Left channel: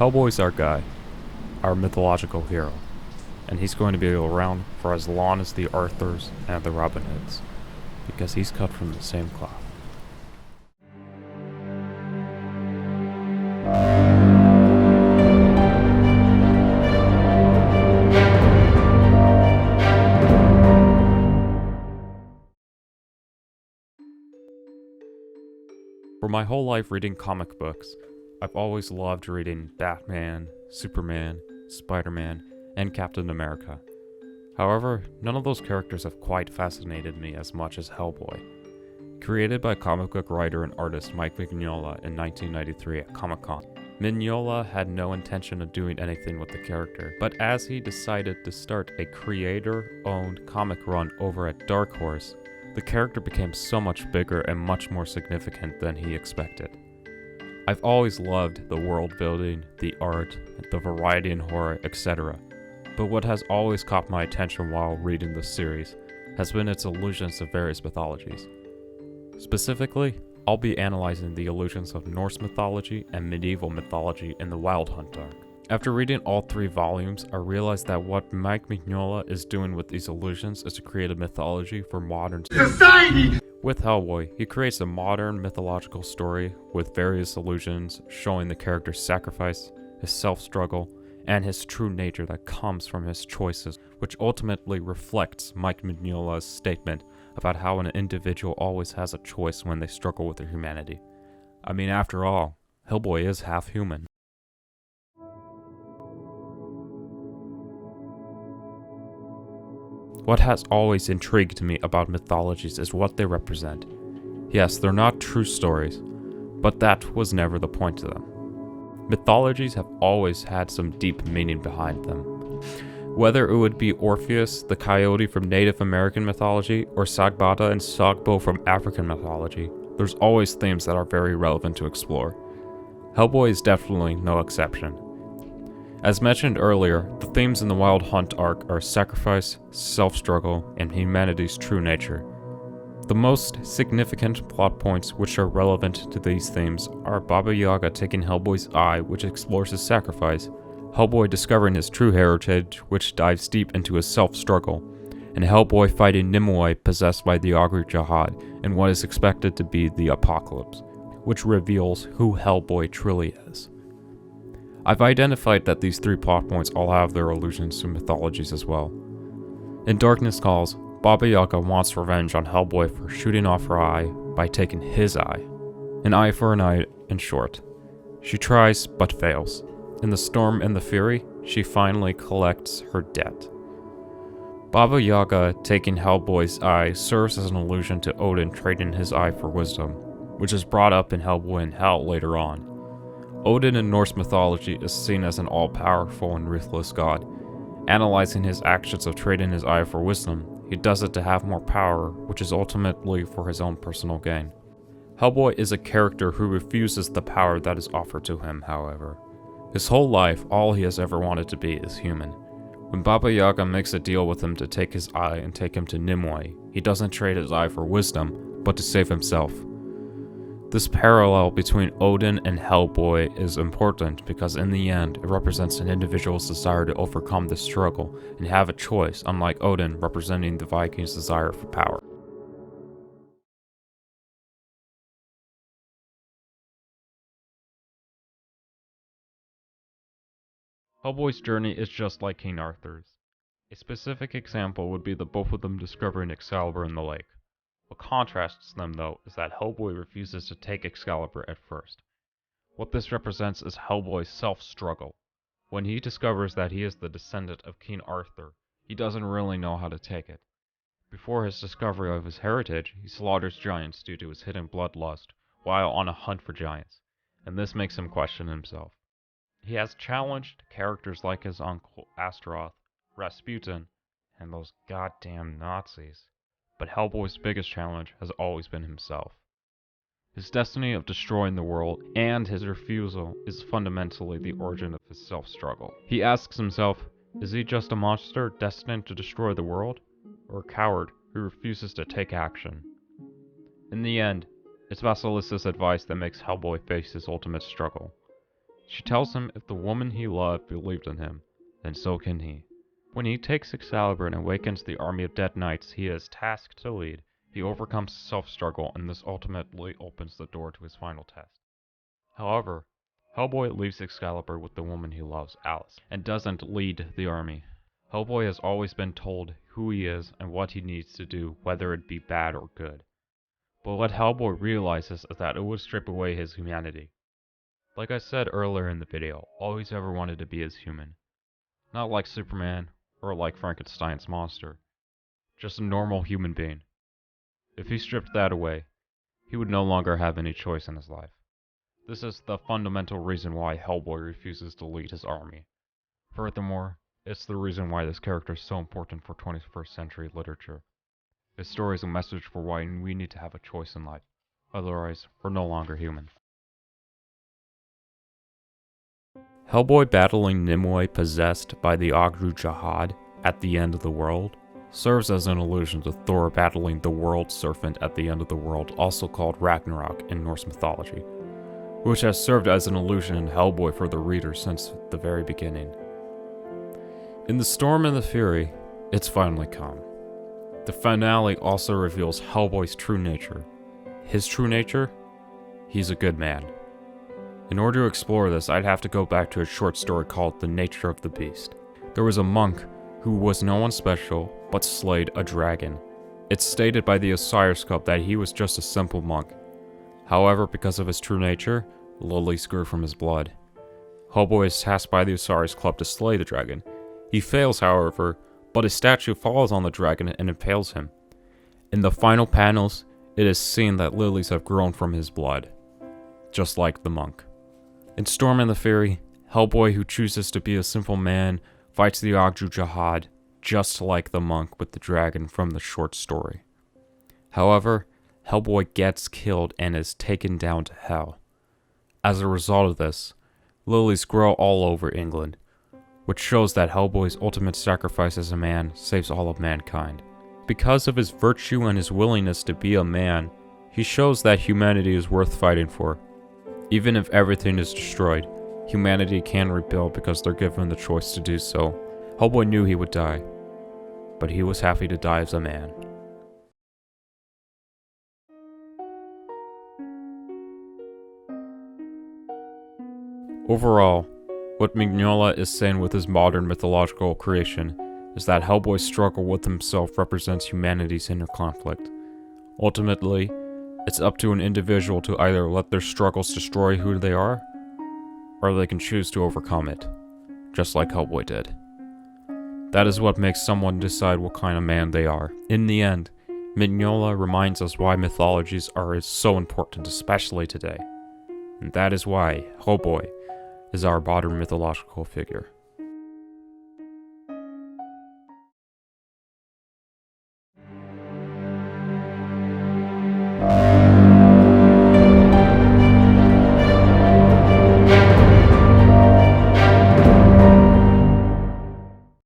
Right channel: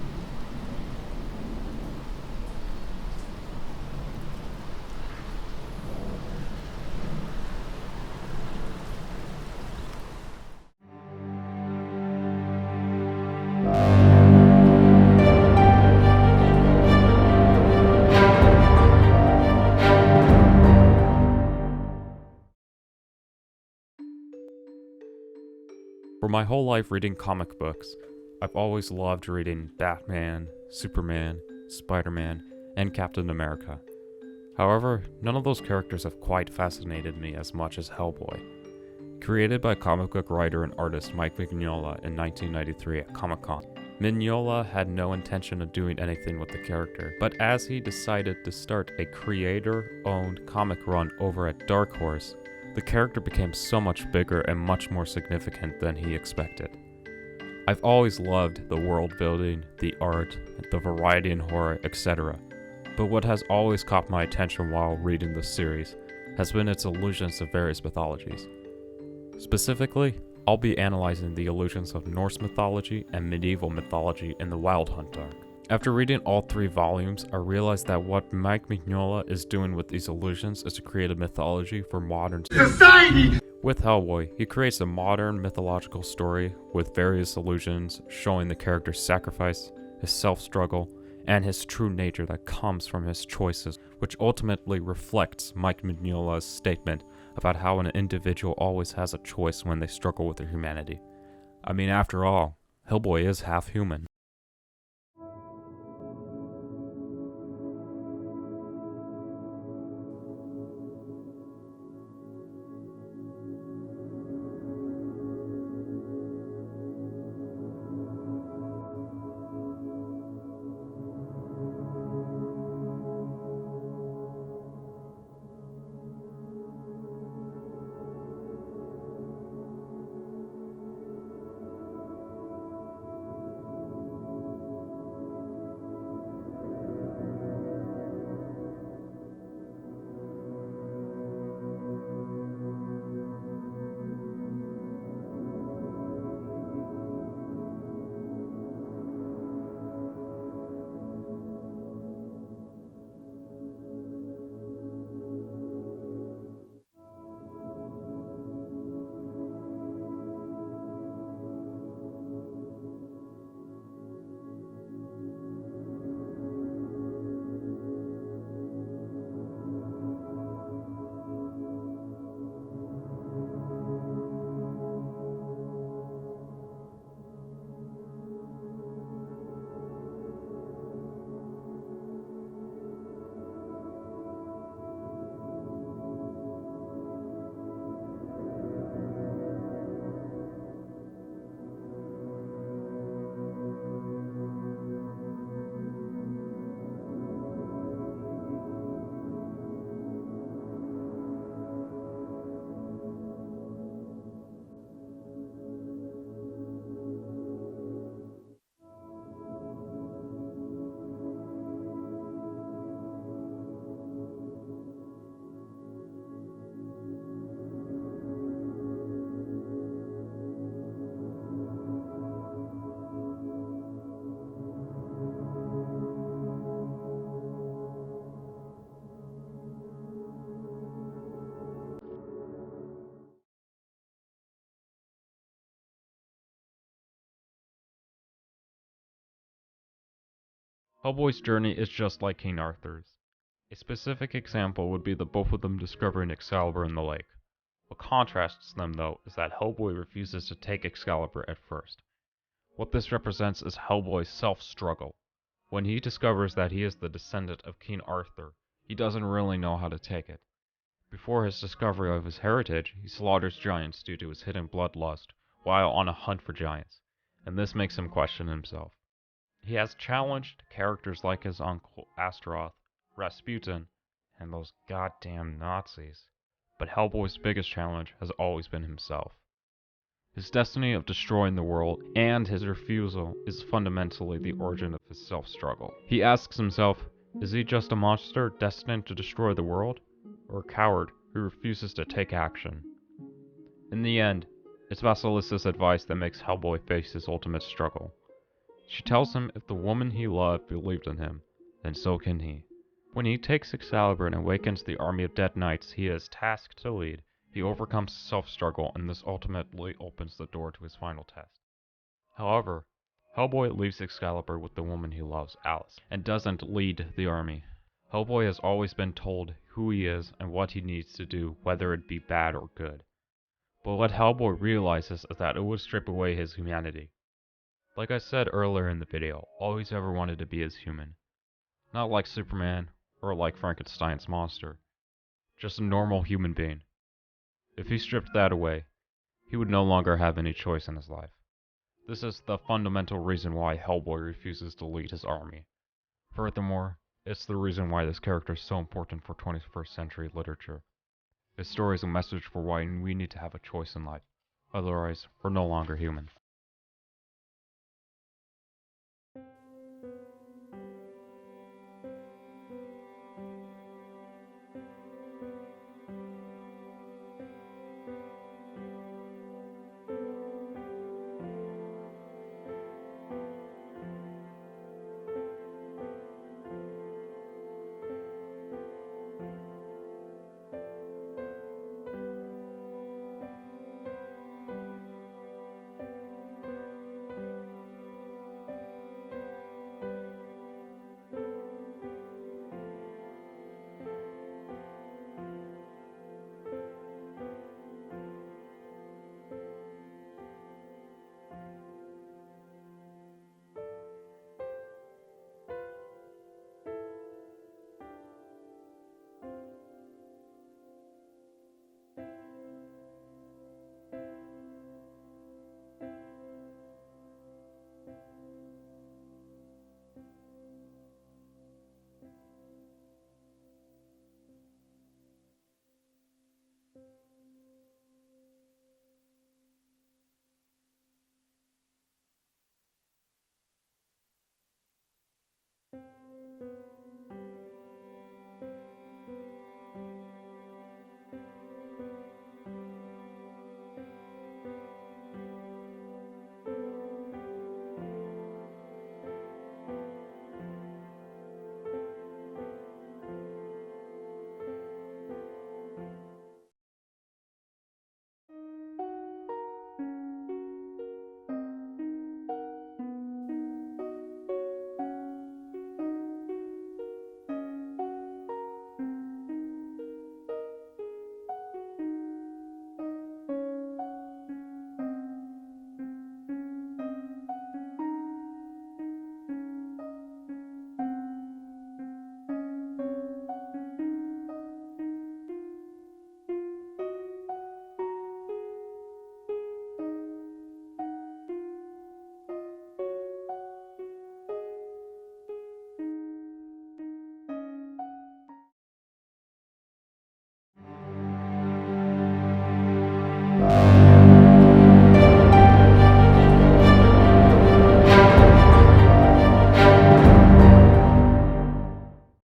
Hellboy's our guy, our mythological hero, and he's going to be around for as long as the Arthurs and the Robin Hoods, because he's cut from the same cloth. For my whole life reading comic books, I've always loved reading Batman, Superman, Spider-Man, and Captain America. However, none of those characters have quite fascinated me as much as Hellboy. Created by comic book writer and artist Mike Mignola in 1993 at Comic-Con, Mignola had no intention of doing anything with the character, but as he decided to start a creator-owned comic run over at Dark Horse, the character became so much bigger and much more significant than he expected. I've always loved the world building, the art, the variety in horror, etc. But what has always caught my attention while reading this series has been its allusions to various mythologies. Specifically, I'll be analyzing the allusions of Norse mythology and medieval mythology in the Wild Hunt arc. After reading all 3 volumes, I realized that what Mike Mignola is doing with these allusions is to create a mythology for modern society. With Hellboy, he creates a modern mythological story with various allusions showing the character's sacrifice, his self-struggle, and his true nature that comes from his choices, which ultimately reflects Mike Mignola's statement about how an individual always has a choice when they struggle with their humanity. I mean, after all, Hellboy is half human. What has always intrigued me about mythologies is what they represent. Yes, they're not true stories, but that was never the point of them. Mythologies have always had some deep meaning behind them. Whether it would be Orpheus, the coyote from Native American mythology, or Sagbada and Sagbo from African mythology, there's always themes that are very relevant to explore. Hellboy is definitely no exception. As mentioned earlier, the themes in the Wild Hunt arc are sacrifice, self-struggle, and humanity's true nature. The most significant plot points which are relevant to these themes are Baba Yaga taking Hellboy's eye, which explores his sacrifice, Hellboy discovering his true heritage, which dives deep into his self-struggle, and Hellboy fighting Nimue possessed by the Augur Jahad in what is expected to be the Apocalypse, which reveals who Hellboy truly is. I've identified that these 3 plot points all have their allusions to mythologies as well. In Darkness Calls, Baba Yaga wants revenge on Hellboy for shooting off her eye by taking his eye. An eye for an eye, in short. She tries, but fails. In The Storm and the Fury, she finally collects her debt. Baba Yaga taking Hellboy's eye serves as an allusion to Odin trading his eye for wisdom, which is brought up in Hellboy in Hell later on. Odin in Norse mythology is seen as an all-powerful and ruthless god. Analyzing his actions of trading his eye for wisdom, he does it to have more power, which is ultimately for his own personal gain. Hellboy is a character who refuses the power that is offered to him, however. His whole life, all he has ever wanted to be is human. When Baba Yaga makes a deal with him to take his eye and take him to Nimue, he doesn't trade his eye for wisdom, but to save himself. This parallel between Odin and Hellboy is important because in the end, it represents an individual's desire to overcome the struggle and have a choice, unlike Odin representing the Vikings' desire for power. Hellboy's journey is just like King Arthur's. A specific example would be the both of them discovering Excalibur in the lake. What contrasts them, though, is that Hellboy refuses to take Excalibur at first. What this represents is Hellboy's self-struggle. When he discovers that he is the descendant of King Arthur, he doesn't really know how to take it. Before his discovery of his heritage, he slaughters giants due to his hidden bloodlust, while on a hunt for giants, and this makes him question himself. He has challenged characters like his uncle Astaroth, Rasputin, and those goddamn Nazis. But Hellboy's biggest challenge has always been himself. His destiny of destroying the world and his refusal is fundamentally the origin of his self-struggle. He asks himself, is he just a monster destined to destroy the world, or a coward who refuses to take action? In the end, it's Vasilissa's advice that makes Hellboy face his ultimate struggle. She tells him if the woman he loved believed in him, then so can he. When he takes Excalibur and awakens the army of dead knights he is tasked to lead, he overcomes his self-struggle, and this ultimately opens the door to his final test. However, Hellboy leaves Excalibur with the woman he loves, Alice, and doesn't lead the army. Hellboy has always been told who he is and what he needs to do, whether it be bad or good. But what Hellboy realizes is that it would strip away his humanity. Like I said earlier in the video, all he's ever wanted to be is human. Not like Superman, or like Frankenstein's monster. Just a normal human being. If he stripped that away, he would no longer have any choice in his life. This is the fundamental reason why Hellboy refuses to lead his army. Furthermore, it's the reason why this character is so important for 21st century literature. His story is a message for why we need to have a choice in life, otherwise we're no longer human. Hellboy battling Nimue possessed by the Ogru Jahad at the end of the world serves as an allusion to Thor battling the World Serpent at the end of the world, also called Ragnarok in Norse mythology, which has served as an allusion in Hellboy for the reader since the very beginning. In The Storm and the Fury, it's finally come. The finale also reveals Hellboy's true nature. His true nature? He's a good man. In order to explore this, I'd have to go back to a short story called The Nature of the Beast. There was a monk who was no one special, but slayed a dragon. It's stated by the Osiris Club that he was just a simple monk. However, because of his true nature, lilies grew from his blood. Hellboy is tasked by the Osiris Club to slay the dragon. He fails, however, but his statue falls on the dragon and impales him. In the final panels, it is seen that lilies have grown from his blood, just like the monk. In Storm and the Fury, Hellboy, who chooses to be a simple man, fights the Ogru Jahad, just like the monk with the dragon from the short story. However, Hellboy gets killed and is taken down to hell. As a result of this, lilies grow all over England, which shows that Hellboy's ultimate sacrifice as a man saves all of mankind. Because of his virtue and his willingness to be a man, he shows that humanity is worth fighting for. Even if everything is destroyed, humanity can rebuild because they're given the choice to do so. Hellboy knew he would die, but he was happy to die as a man. Overall, what Mignola is saying with his modern mythological creation is that Hellboy's struggle with himself represents humanity's inner conflict. Ultimately, it's up to an individual to either let their struggles destroy who they are, or they can choose to overcome it, just like Hellboy did. That is what makes someone decide what kind of man they are. In the end, Mignola reminds us why mythologies are so important, especially today. And that is why Hellboy is our modern mythological figure.